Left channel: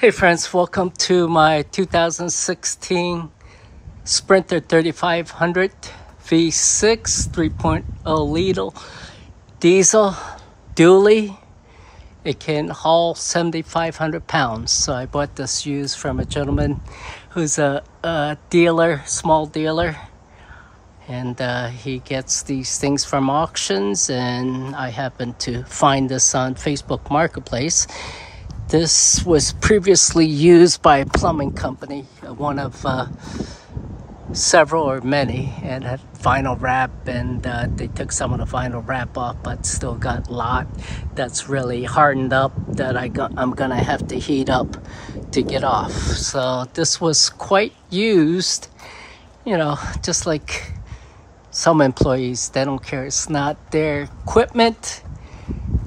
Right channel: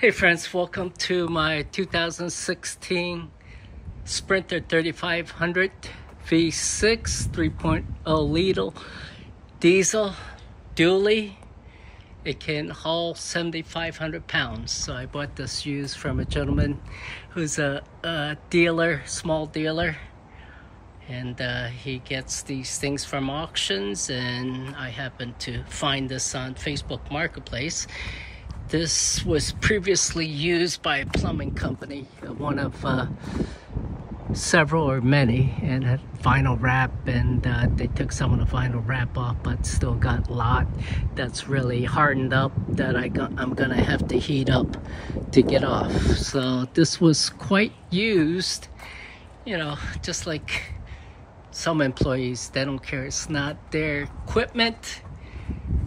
Hey friends, welcome to my 2016 Sprinter 3500 V6 3.0 liter diesel dually. It can haul 7,500 pounds. So I bought this used from a gentleman who's a dealer, small dealer. And he gets these things from auctions, and I happened to find this on Facebook Marketplace. This was previously used by a plumbing company, one of several or many, and had vinyl wrap, and they took some of the vinyl wrap off, but still got a lot that's really hardened up that I'm gonna have to heat up to get off. So this was quite used, you know, just like some employees, they don't care. It's not their equipment.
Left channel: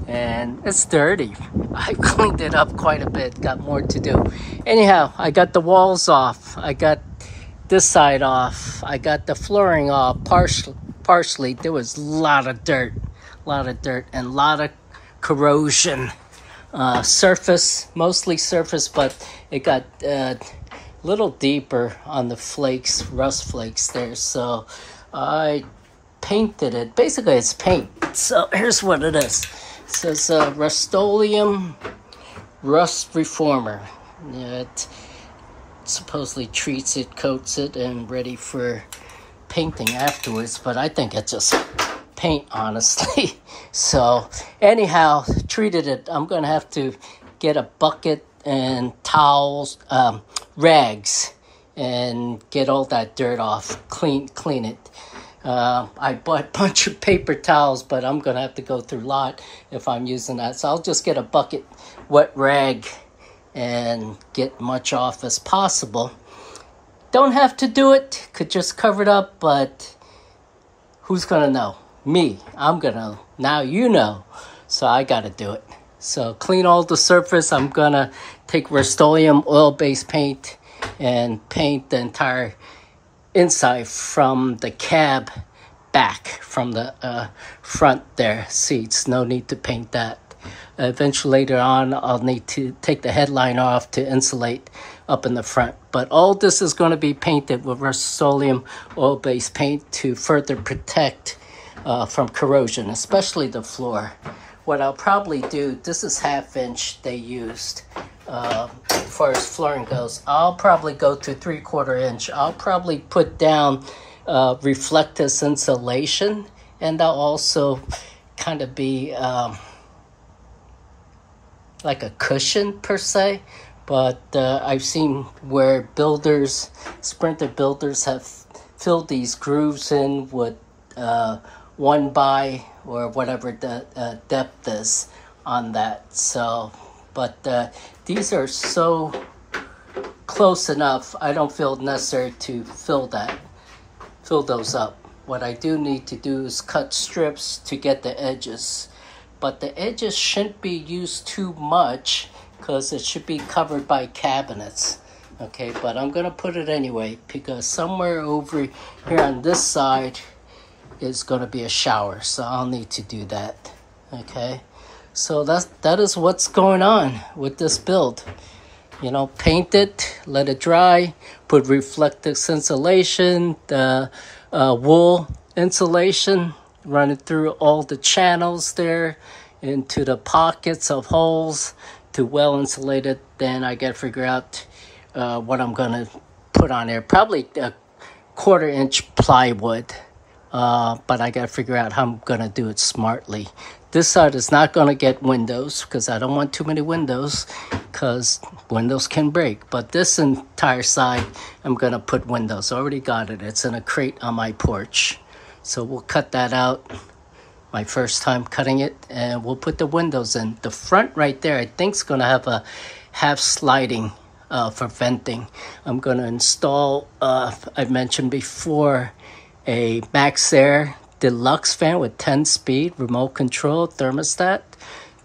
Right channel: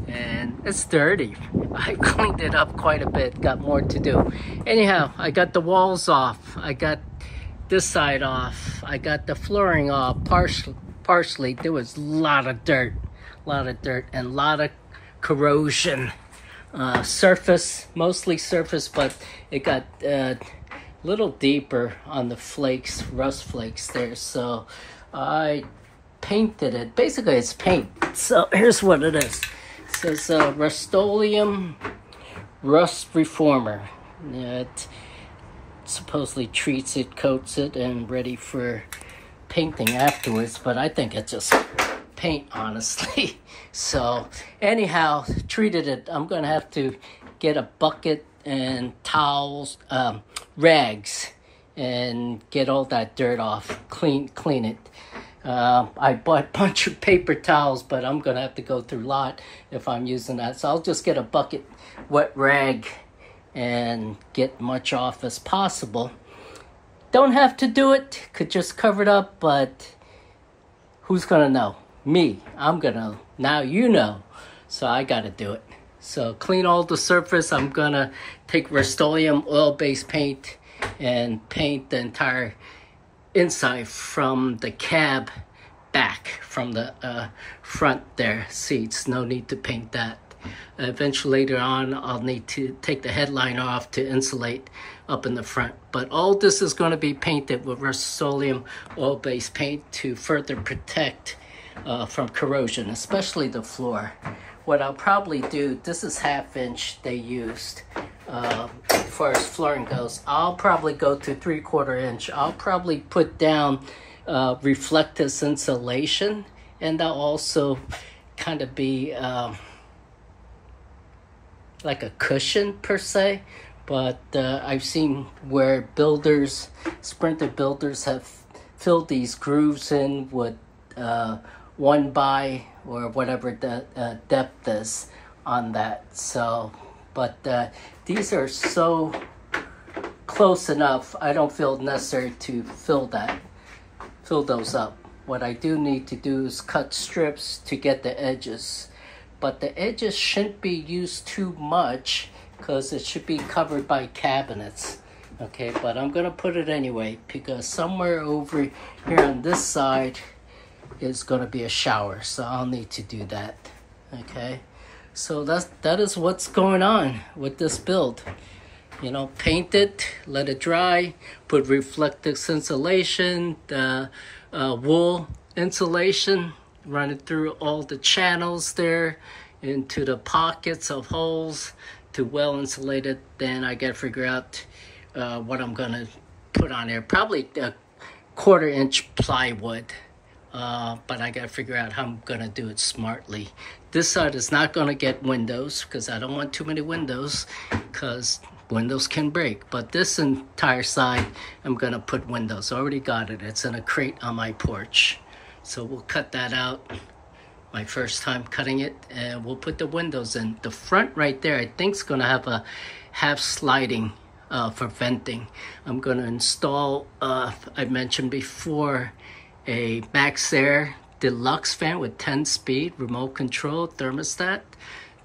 And it's dirty. I cleaned it up quite a bit, got more to do. Anyhow, I got the walls off. I got this side off. I got the flooring off partially. There was a lot of dirt, and a lot of corrosion. Surface, mostly surface, but it got a little deeper on the flakes, rust flakes there. So I painted it. Basically, it's paint. So here's what it is. It says Rust-Oleum Rust Reformer. It supposedly treats it, coats it, and ready for painting afterwards. But I think it's just paint, honestly. So anyhow, treated it. I'm going to have to get a bucket and towels, rags, and get all that dirt off, clean it. I bought a bunch of paper towels, but I'm going to have to go through a lot if I'm using that. So I'll just get a bucket, wet rag, and get much off as possible. Don't have to do it. Could just cover it up, but who's going to know? Me. I'm going to. Now you know. So I got to do it. So clean all the surface. I'm going to take Rust-Oleum oil-based paint and paint the entire inside from the cab back, from the front there, seats. No need to paint that. Eventually later on, I'll need to take the headline off to insulate up in the front. But all this is going to be painted with Rust-Oleum oil-based paint to further protect from corrosion, especially the floor. What I'll probably do, this is 1/2 inch they used. As far as flooring goes, I'll probably go to 3/4 inch. I'll probably put down reflective insulation, and that'll also kind of be like a cushion per se. But I've seen where builders, Sprinter builders, have filled these grooves in with 1x or whatever the depth is on that. So, but these are so close enough, I don't feel necessary to fill those up. What I do need to do is cut strips to get the edges. But the edges shouldn't be used too much because it should be covered by cabinets. Okay, but I'm going to put it anyway because somewhere over here on this side is going to be a shower. So I'll need to do that. Okay. So that is what's going on with this build. You know, paint it, let it dry, put reflective insulation, the wool insulation, run it through all the channels there into the pockets of holes to well insulate it. Then I gotta figure out what I'm gonna put on there. Probably a 1/4 inch plywood. But I gotta figure out how I'm gonna do it smartly. This side is not gonna get windows because I don't want too many windows because windows can break. But this entire side, I'm gonna put windows. I already got it. It's in a crate on my porch. So we'll cut that out. My first time cutting it, and we'll put the windows in. The front right there, I think is gonna have a half sliding for venting. I'm gonna install, I mentioned before, a Max Air Deluxe fan with 10-speed remote control thermostat.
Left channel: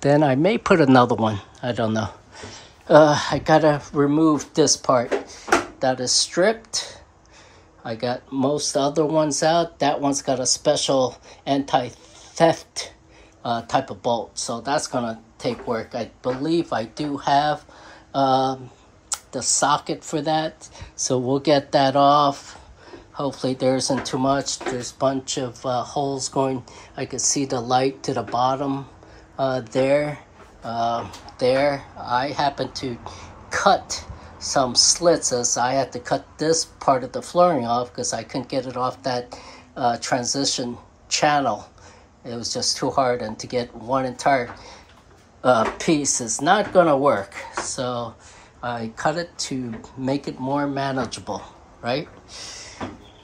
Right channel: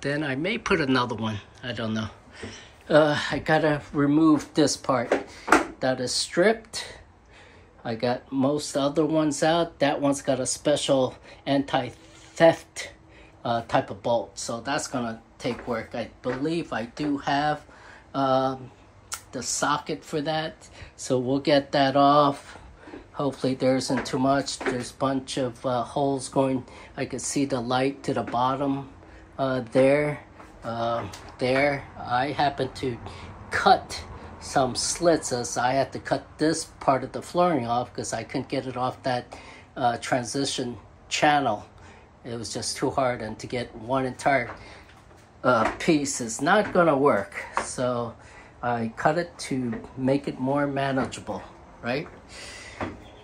Then I may put another one. I don't know. I gotta remove this part. That is stripped. I got most other ones out. That one's got a special anti-theft type of bolt. So that's gonna take work. I believe I do have the socket for that. So we'll get that off. Hopefully there isn't too much. There's a bunch of holes going. I could see the light to the bottom there. I happened to cut some slits, as I had to cut this part of the flooring off because I couldn't get it off that transition channel. It was just too hard, and to get one entire piece is not gonna work. So I cut it to make it more manageable, right?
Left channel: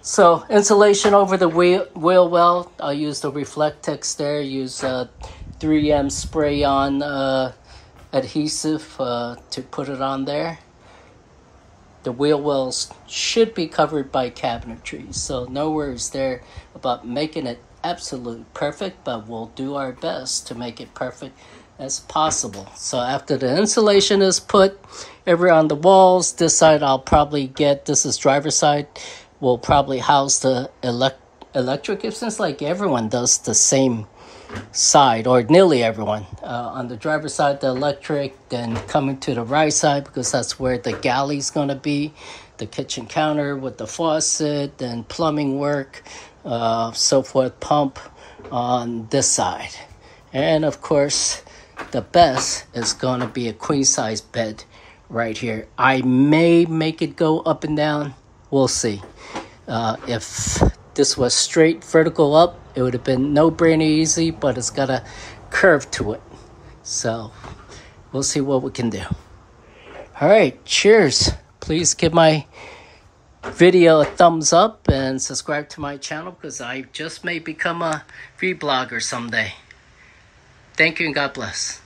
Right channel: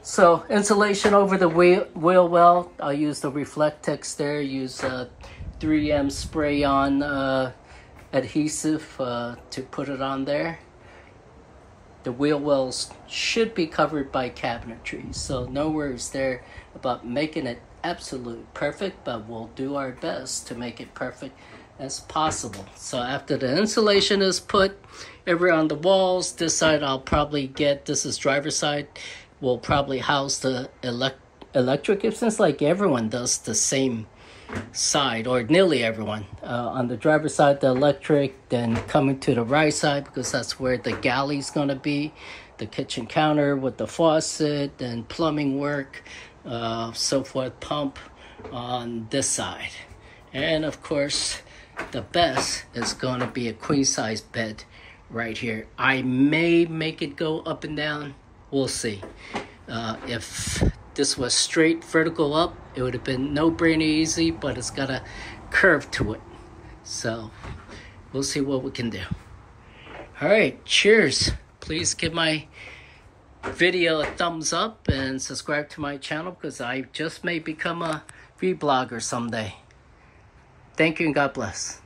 So insulation over the wheel well. I'll use the Reflectex there. Use 3M spray-on adhesive to put it on there. The wheel wells should be covered by cabinetry, so no worries there about making it absolutely perfect, but we'll do our best to make it perfect as possible. So after the insulation is put everywhere on the walls, this side I'll probably get, this is driver's side, we'll probably house the electric. It seems like everyone does the same side, or nearly everyone. On the driver's side, the electric, then coming to the right side, because that's where the galley's going to be, the kitchen counter with the faucet, then plumbing work, so forth, pump on this side. And of course, the best is going to be a queen size bed right here. I may make it go up and down. We'll see. If this was straight vertical up, it would have been no-brainer easy, but it's got a curve to it. So we'll see what we can do. All right, cheers. Please give my video a thumbs up and subscribe to my channel, because I just may become a vlogger someday. Thank you and God bless.